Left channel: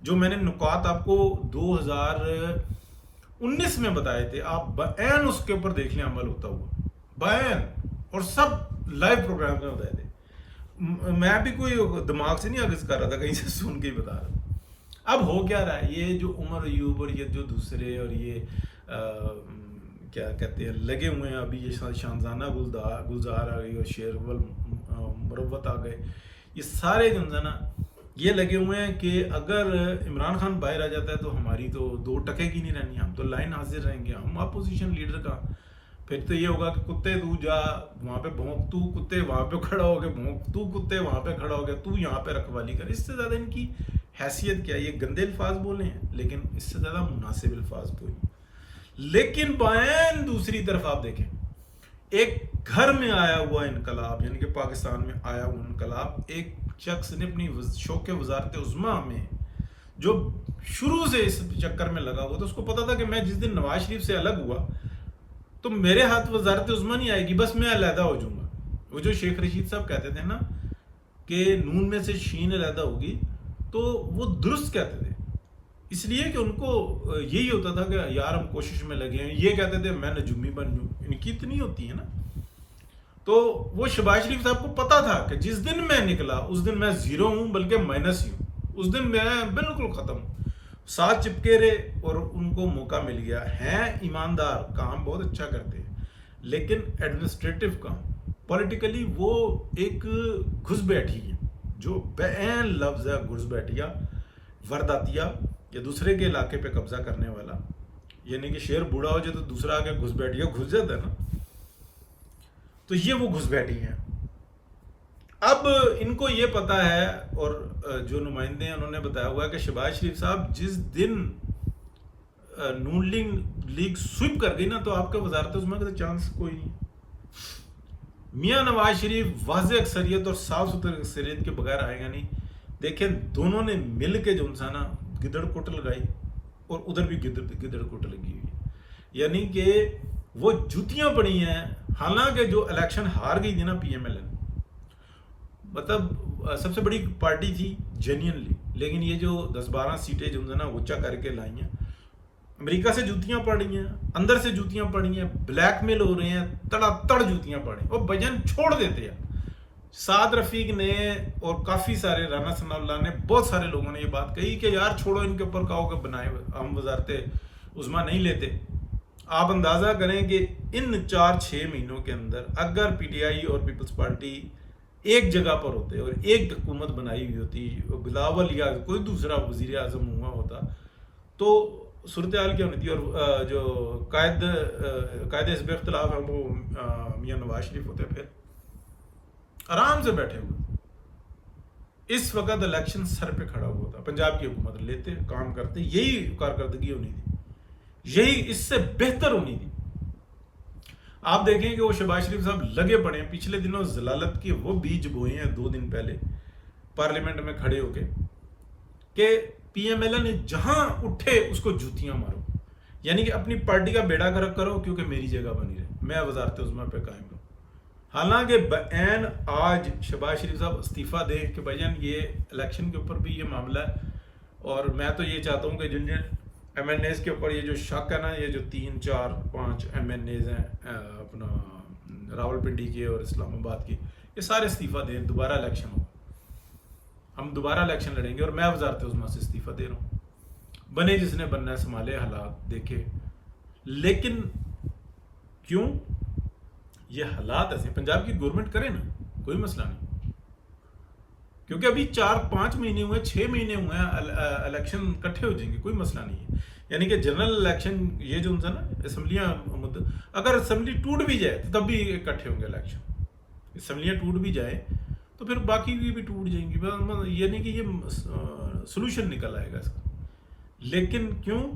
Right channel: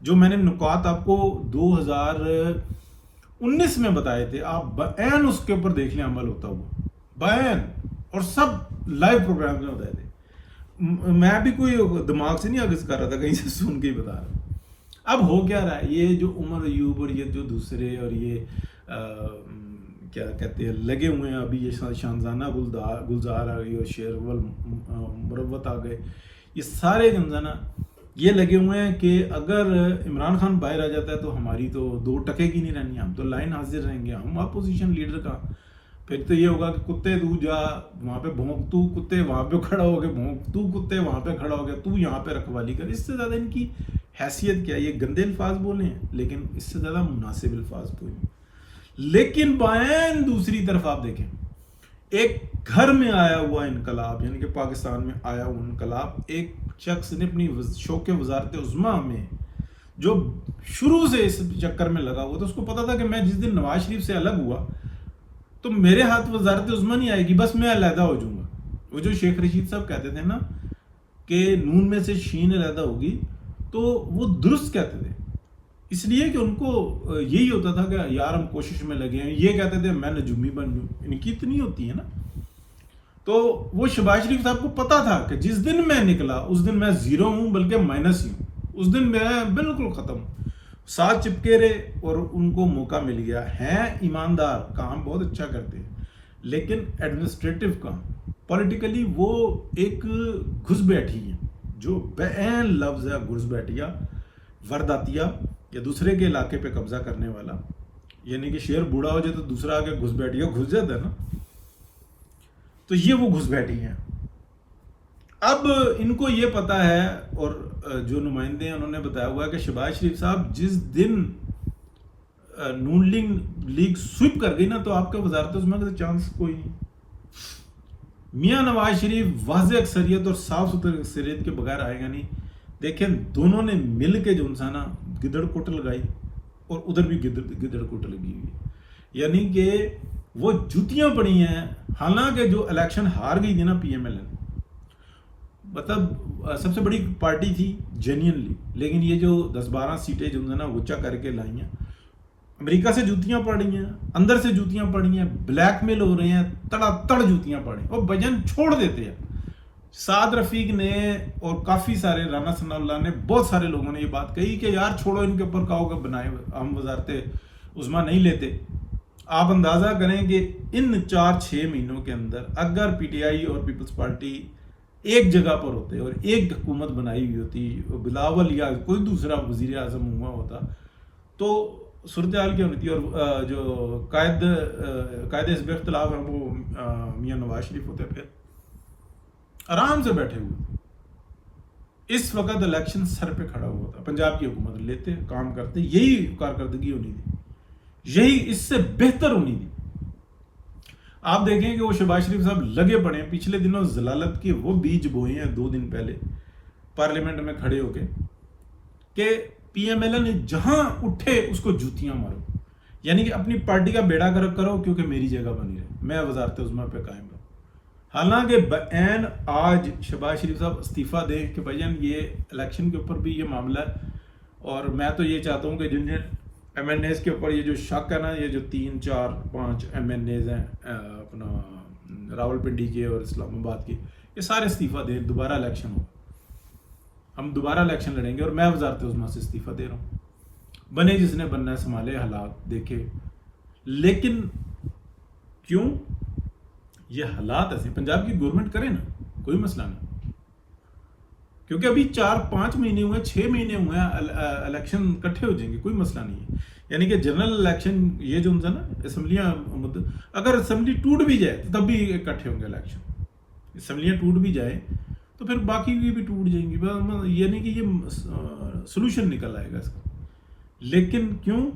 جو میں نے نکات آپ کو 2019 میں بتائے تھے، آپ بین اس کے اوپر دیکھ لیں عمل ہوتا ہوا، بین، اور سب لائیو پروگرام میں بتائے تھے. میں بھی کوئی دماغ سے نہیں آگز کر رہا تھا، کہیں سے سن کے ہی بتا رہا تھا. اب ہو کیا رہا ہے، یہ جو عمر ایوب اور یہ جو دوسرے اور یہ کیا کہتے ہیں لگے ہوئے ہیں، ابھی یہ شانزانہ گلزار آ گئی اور شیرول مروت آ گئے، یہ سارے جمزانہ یہ لگے ہوئے ہیں کہ اگر عمران خان باہر آ جاتا ہے تو ہماری تو 2 ٹکے کی نہیں رہنی، ہم تو لائن حاضر رہیں گے، ہم اپوزیشن لیڈر کا. پھر تو یہ ہوگا کہ کتے تو جا وہاں پہ بھونک، تو کتے وہاں پہ کھڑا ہو گئے بھونک، تو کتے وہاں پہ کھڑا ہو گیا، تو یہاں پہ رکھوالی کر. اس سے زیادہ ان کی حیثیت کیا ہے؟ یہ گندے الفاظ بولے ہیں لیکن اس سے زیادہ مناسب الفاظ کوئی نہیں. لیکن بائیں دوسری طرف آپ دیکھیں، ایک گھر میں آیا ہوا انقلاب، یعنی کہ پاکستان میں آیا ہوا انقلاب، ایک شخص نے اپنی شوق وزارت عظمیٰ میں جو شروع سے اس چکر میں لگا ہوا تھا، اس کو پتا تھا کہ میں جس دن نواز شریف سے الگ ہوا تو میرے ہاتھ وزارت عظمیٰ نہیں آئے گی، بس میں علیحدہ ہو جاؤں گا. وہ جو شیخ رشید صاحب کہتے تھے نا کہ نون میں سے شین علیحدہ ہوگی، تو وہ درست کہتے تھے، اس لیے کہ ان کو یہی ہوتا تھا کہ یار ہم کوشش میں لگے ہیں. یہ کہتے تھے میں نجومی بن جوں، ان کی اتنی ہوتی ہے نا. تو وہ شہباز شریف صاحب کو پتا تھا کہ جس دن میں نکلا اس دن میں زیرو ہوں، بلکہ مائنس ہی ہوں، اس دن میں بالکل ختم ہوں. ساتھ چپکے رہے اور ان کو موقع مل گیا. ہیں ایماندار، کام بہت اچھا کرتے ہیں، لیکن ایڈمنسٹریٹو کام، پولیٹیکلی وہ ایک گھس بیٹھی ہیں، جو بین لفظ ہے گھس بیٹھیا، ورداتیا، یا دوسرے کے علاقے پہ قبضہ کرنے والا. یعنی کہ شیر بوڑھا ہو جائے تو دوسرا آ کے گھس بیٹھیا گھس جاتا ہے نا، تو یہ وہ گھس بیٹھی ہیں. اب ان کو یہ پتا ہے، اور جو نمائندے ہیں انہوں نے بتایا ہوا ہے کہ شہباز شریف صاحب جس دن نون لیگ سوئپ کر گئی نا، تو آپ کے وزارت عظمیٰ کا چانس کوئی نہیں. میاں نواز شریف واضح اکثریت اور صاف ستھری اکثریت کے بغیر آئے گا نہیں. دیکھیں دونوں نے مل کے جو انسانا گدڑ کوٹ لگائی، اور ادھر بھی گدڑ کوٹ لگی ہوئی ہے. یعنی کہ وہ جوتیاں پڑی ہیں. حالانکہ جو الیکشن ہار گئی تھی نا پی ایم ایل این، مطلب سب سے بڑی پارٹی تھی جینینلی، لیکن یہ جو 10-12 سیٹیں جو نا وچا کر کے لائی ہیں، امریکہ سے جوتیاں پڑ رہی ہیں، اندر سے جوتیاں پڑ رہی ہیں، بلیک میل ہو رہے ہیں، تڑا تڑ جوتیاں پڑ رہی ہیں، اور بجن چھوڑ دیتے ہیں. سعد رفیق نے اور کافی سارے، رانا ثناء اللہ نے، بہت سارے لوگوں نے یہ بات کہی کہ یار چھوڑو ان کے اوپر کہو کہ بنائے، ہم وزارت عظمیٰ نہیں لیتے. آپ اندازہ کریں کہ ان 4-6 مہینوں کے اندر اگر پی ٹی آئی اور پیپلز پارٹی ایک جگہ پر ہوتے اور ایک حکومت بنائی ہوئی ہوتی، بلاول یا کوئی دوسرا وزیر اعظم ہوا ہوتا، تو صورتحال کیا ہونی تھی. اور جو قائد حزب اختلاف ہیں وہ میاں نواز شریف ہوتے، پھر آرام سے بیٹھے ہوئے. اس وقت الیکشن سر پہ کھڑا ہوا تھا، پنجاب کی حکومت لیتے کام کرتے، یہی کارکردگی ہونی تھی، یہی اس سے بہتر ہونی تھی. آپ دیکھیں کہ وہ شہباز شریف صاحب لگے پڑے ہیں، پچھلے دنوں ضلالت کے وہ بیج بوئے ہیں 2 دن پہلے پارلیمنٹ میں کھڑے ہو کے کہ پی ایم ایل نے جہاں اٹھے اس کو جوتیاں مارو. یعنی کہ اپنی پارٹی کا بیڑا گرک کرو کیونکہ میری جگہ بنی رہے، میں وزارت عظمیٰ پہ قائم رہوں. حالانکہ بین آج شہباز شریف صاحب استعفیٰ دے کہ بھائی جان یہ الیکشن کے اوپر بھی یہ معاملہ ہے، اور میں تو یہ چاہتا ہوں کہ جن ایم این ایز کے اوپر یہ جو شک ہے نا، یہ جو 3-4-5 ایم این ایز ہیں اپنا راول پنڈی کے اور اسلام آباد کے، یہ سارے استعفیٰ دیں، دوبارہ الیکشن ہوگا، ہم دوبارہ الیکشن لڑیں گے، اور میں وزارت عظمیٰ سے استعفیٰ دے رہا ہوں. بنے جس نے بننا ہے، سنبھالے حالات دیکھے. لیکن کیوں یہ حالات ایسے؟ پنجاب کی گورنمنٹ کرے نا، کوئی مسئلہ نہیں، کیونکہ ابھی 4-5 مہینے ہوئے، 6 مہینے ہوئے ہیں، الیکشن اکٹھے ہو جائیں گے، کوئی مسئلہ نہیں ہے. یعنی کہ جنرل الیکشن یہ جو ہے نا، اسمبلیاں، اگر اسمبلی ٹوٹ بھی جائے تو تب بھی اکٹھے ہوں گے الیکشن. اسمبلیاں ٹوٹ بھی جائے تو پھر باقی بھی ٹوٹ جائیں گی، یعنی کہ یہ سلوشن نکل آئے گا اس کا. لیکن کیوں؟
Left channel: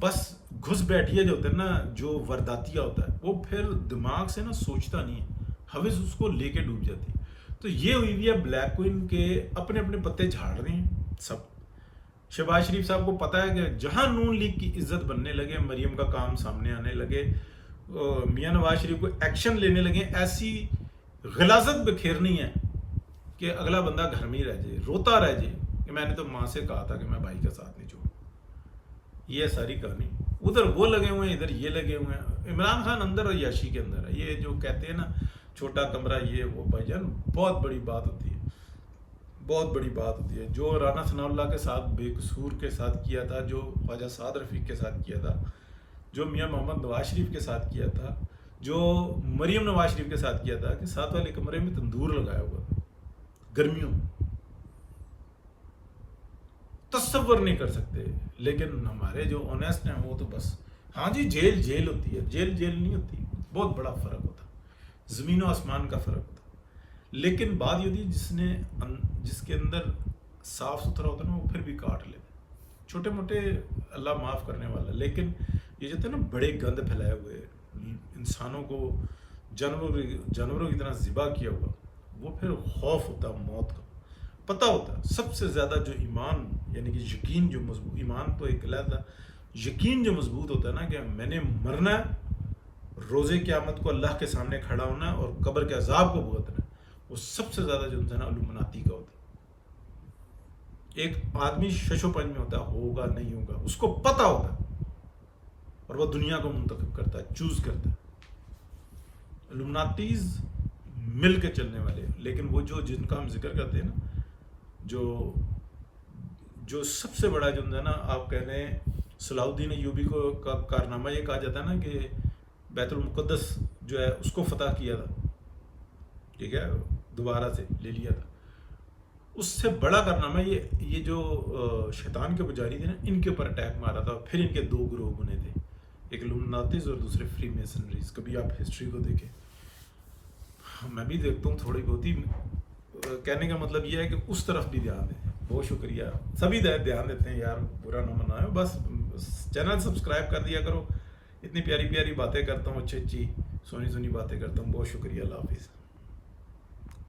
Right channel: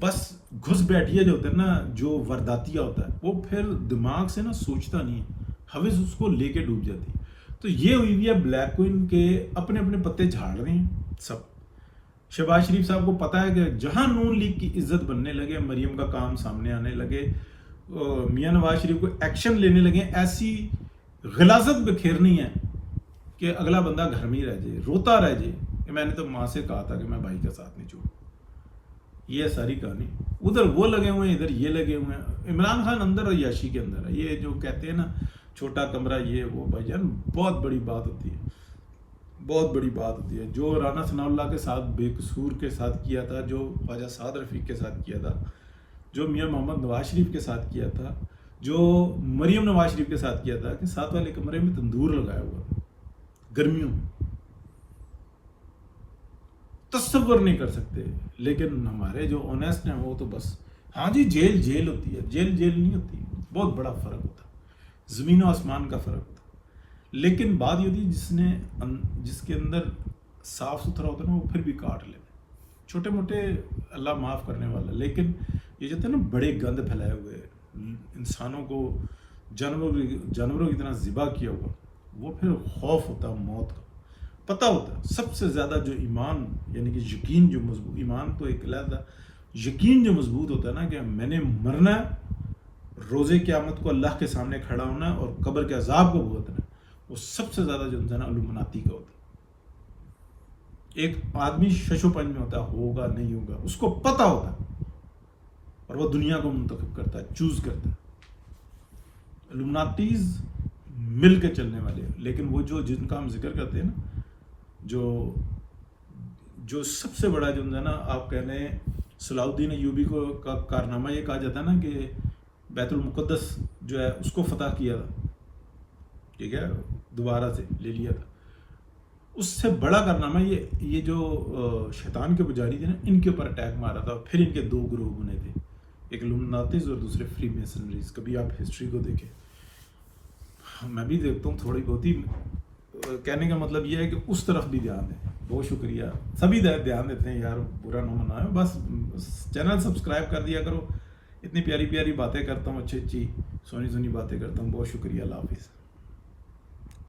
بس گھس بیٹھیا جو ہوتا ہے نا، جو ورداتیا ہوتا ہے، وہ پھر دماغ سے نا سوچتا نہیں ہے، حوث اس کو لے کے ڈوب جاتی. تو یہ ہوئی ہوئی ہے بلیک کوئن کے اپنے اپنے پتے جھاڑ رہے ہیں سب. شہباز شریف صاحب کو پتا ہے کہ جہاں نون لیگ کی عزت بننے لگے، مریم کا کام سامنے آنے لگے، میاں نواز شریف کو ایکشن لینے لگے، ایسی غلاظت بکھیرنی ہے کہ اگلا بندہ گھر میں ہی رہ جائے، روتا رہ جائے. کہ میں نے تو ماں سے کہا تھا کہ میں بھائی کا ساتھ نہیں چھوڑوں. یہ ہے ساری کہانی. ادھر وہ لگے ہوئے ہیں, ادھر یہ لگے ہوئے ہیں. عمران خان اندر اور یاشی کے اندر ہے. یہ جو کہتے ہیں نا چھوٹا کمرہ یہ وہ, بھائی جان بہت بڑی بات ہوتی ہے, بہت بڑی بات ہوتی ہے. جو رانا ثناء اللہ کے ساتھ بے قصور کے ساتھ کیا تھا, جو خواجہ سعد رفیق کے ساتھ کیا تھا, جو میاں محمد نواز شریف کے ساتھ کیا تھا, جو مریم نواز شریف کے ساتھ کیا تھا, کہ ساتھ والے کمرے میں تندور لگایا ہوا تھا گرمیوں میں, تصور نہیں کر سکتے. لیکن ہمارے جو اونیسٹ ہیں وہ تو بس ہاں جی جیل جیل ہوتی ہے, جیل جیل نہیں ہوتی. بہت بڑا فرق ہوتا, زمین و آسمان کا فرق ہوتا. لیکن بات یہ ہوتی ہے جس کے اندر صاف ستھرا ہوتا ہے نا, وہ پھر بھی کاٹ لیتا ہے. چھوٹے موٹے اللہ معاف کرنے والا, لیکن یہ جو ہے نا بڑے گند پھیلائے ہوئے, انسانوں کو جانوروں کی طرح ذبح کیا ہوا, وہ پھر خوف ہوتا ہے موت کا. پتہ ہوتا ہے سب سے زیادہ جو ایمان یعنی کہ یقین جو مضبوط, ایمان تو ایک علیحدہ, یقین جو مضبوط ہوتا ہے نا کہ میں نے مرنا ہے, روزے قیامت کو اللہ کے سامنے کھڑا ہونا ہے اور قبر کے عذاب کو بھگتنا ہے, وہ سب سے زیادہ جو ہے نا علومناتی کا ہوتا ہے. ایک آدمی شش و پنج میں ہوتا ہے, ہوگا نہیں ہوگا, اس کو پتہ ہوتا ہے اور وہ دنیا کو منتخب کرتا ہے, چوز کرتا ہے. علومناتیز مل کے چلنے والے, لیکن وہ جن کا ہم ذکر کرتے ہیں نا, جو سب سے بڑا جو ہے نا, آپ کہہ رہے ہیں صلاح الدین ایوبی کو کا کارنامہ یہ کہا جاتا ہے نا کہ بیت المقدس جو ہے اس کو فتح کیا تھا, ٹھیک ہے, دوبارہ سے لے لیا تھا. اس سے بڑا کارنامہ یہ جو شیطان کے پجاری تھے نا, ان کے اوپر اٹیک مارا تھا. پھر ان کے دو گروہ بنے تھے, ایک علومناتیز اور دوسرے فری میسنریز. کبھی آپ ہسٹری کو دیکھیں, میں بھی دیکھتا ہوں تھوڑی بہت ہی. کہنے کا مطلب یہ ہے کہ اس طرف بھی دھیان دیں. بہت شکریہ, سبھی دھیان دیتے ہیں یار, برا نہ منائے. بس چینل سبسکرائب کر دیا کرو, اتنی پیاری پیاری باتیں کرتا ہوں, اچھی اچھی سونی سونی باتیں کرتا ہوں. بہت شکریہ, اللہ حافظ.